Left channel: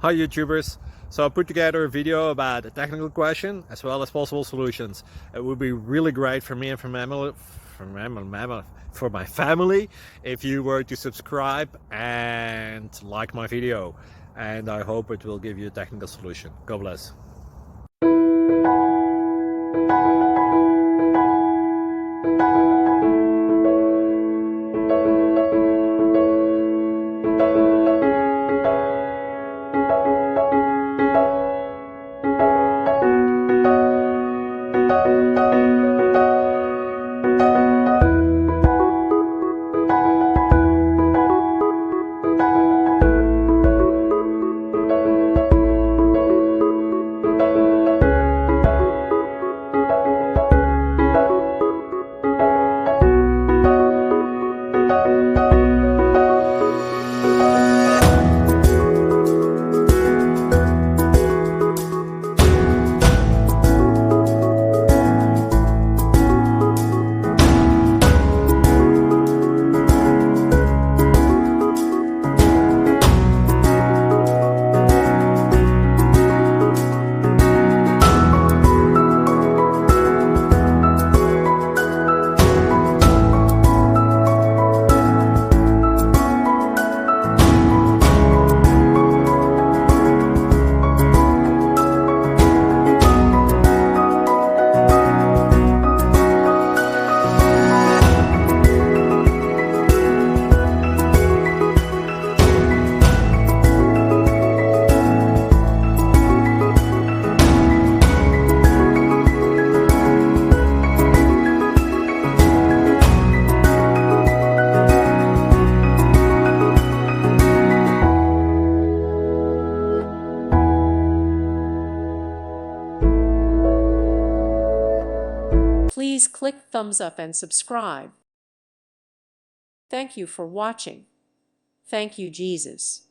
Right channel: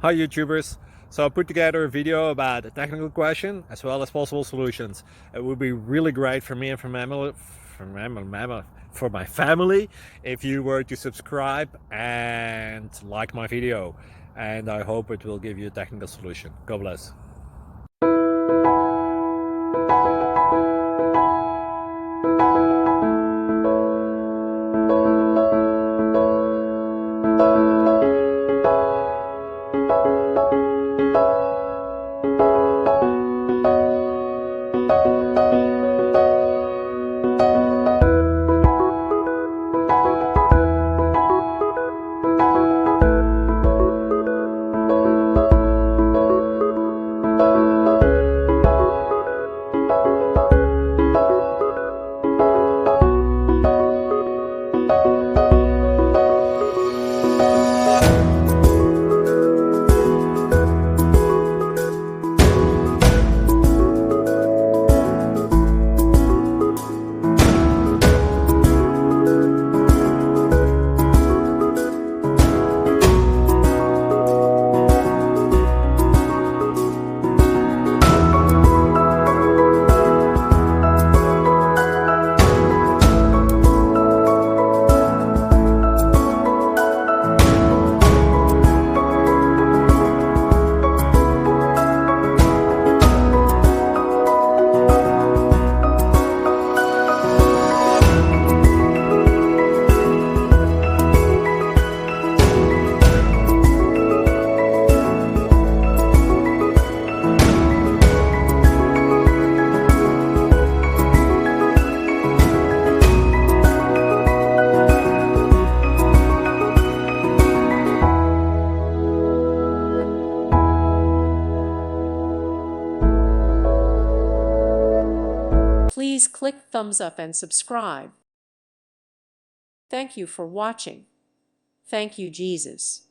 Hi YouTubers! So I put together a video about a technical question as well as possible solutions. It would be really great for me and for my family if you were to subscribe and like my video, and I hope it will give you a technical solution. God bless. Please click thumbs up and subscribe. Thank you for watching. Thank you, Jesus.